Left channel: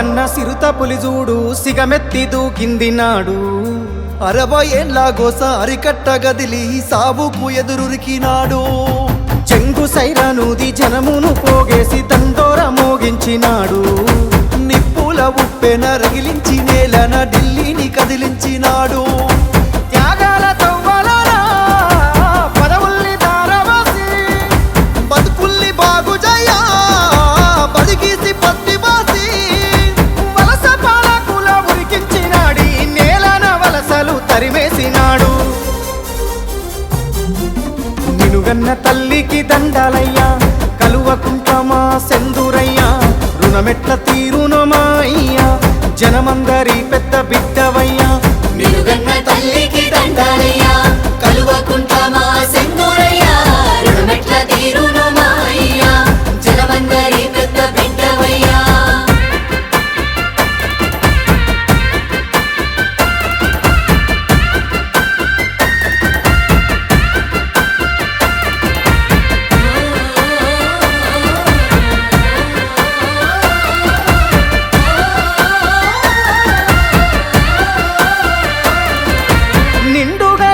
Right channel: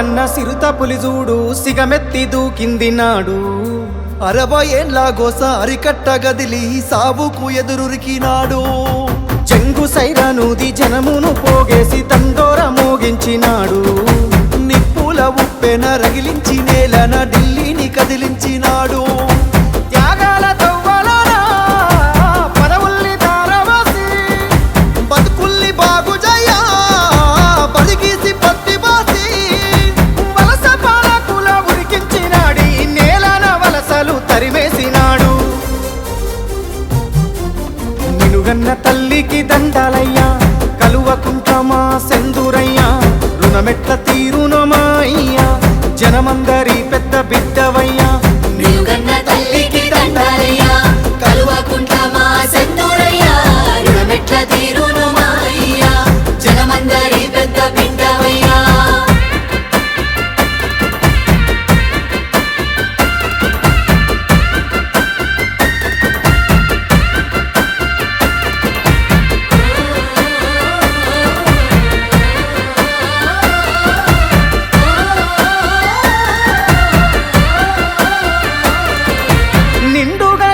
ఉన్న సిరుత పులిజూడు సిగమెత్తి దూకింది నాడు. అరవై ఏండ్ల గోస అరికట్ట గదిలి సావుకు ఎదురురికినాడు చెంగు సైరానూది జనమును పోగేసి తండోర మోగించినాడు. నిప్పుల ఉప్పెన రగిలించి నేలన ఢిల్లీని కదిలించినాడు. త్యాగాల తవ్వలన పదవుల్ని తారవసి బతుకుల్ని బాగు నినుగన్న తల్లికి దండాలయ్యా కలువకుంటమా సెందురయ్యా రుణమెట్ల తీరునమా అయ్యా జనమందరి పెద్ద బిడ్డవయ్యా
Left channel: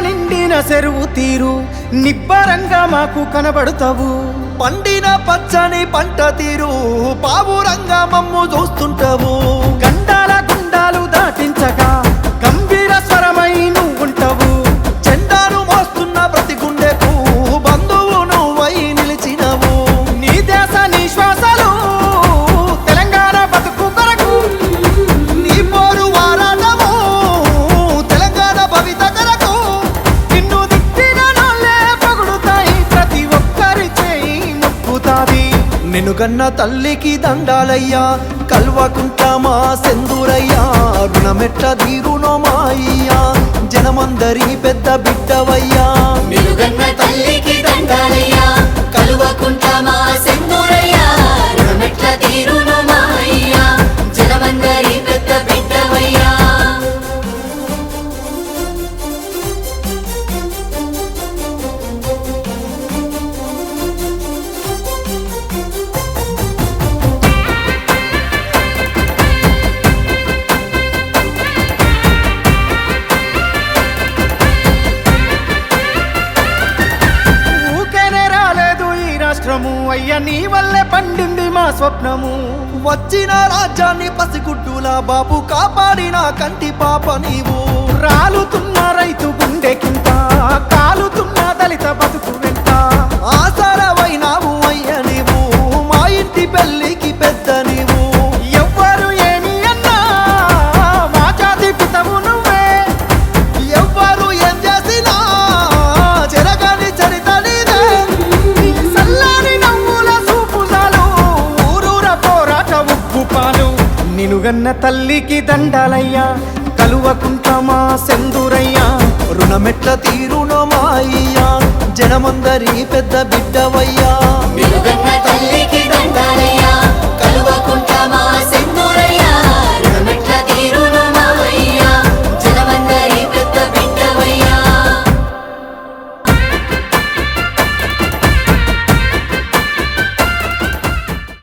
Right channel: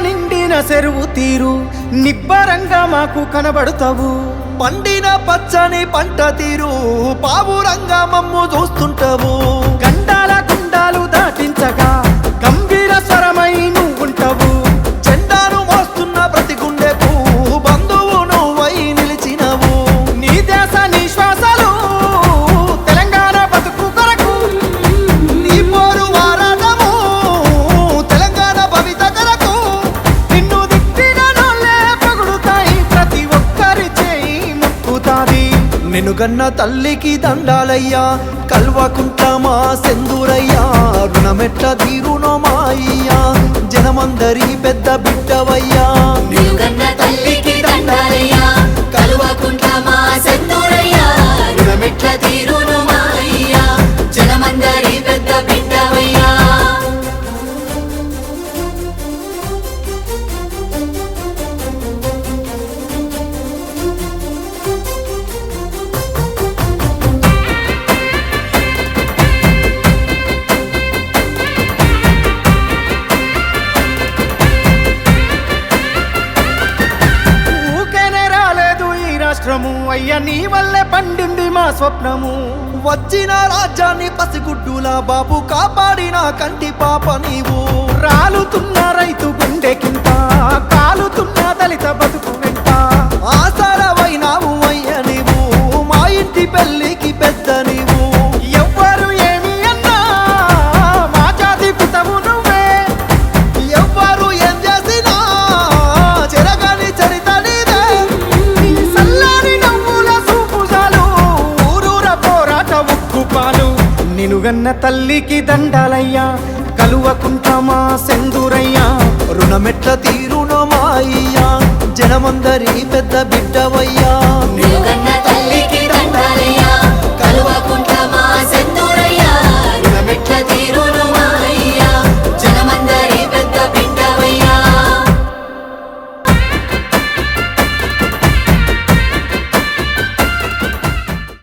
నిండిన చెరువు తీరు నిబ్బరంగా మాకు కనబడతావు. పండిన పచ్చని పంట తీరు పావురంగా మమ్ము చూస్తుంటావు. గండాల గుండాలు దాటించగా గంభీర స్వరమై నువ్వుంటావు. ముక్కుతాది తల్లికి దండాలయ్యా కల్వకుంట్ల మా సెందూరయ్యా రుణమెట్ల తీరునో మా అయ్యా జనమందరి పెద్ద బిడ్డవయ్యా. తల్లికి రాష్ట్రము అయ్యా నీ వల్లే పండింది మా స్వప్నము. వచ్చిన రాజ్యాన్ని పసిగుడ్డుల బాబు కాపాడిన కంటి పాప నీవు. రాలుతున్న రైతు గుండెకింత కాలుతున్న దళిత బతుకు వెంట. ఆసారవైనావు అయ్య నీవు మా ఇంటి పెళ్ళికి పెద్ద నీవు. రూపాలు నినుగన్న తల్లికి దండాలయ్యా కలువకుంట్రమా సెందురయ్యా. రుణమెట్ల తీరుణమాయ్యా అయ్యా జనమందరి పెద్ద బిడ్డవయ్యా.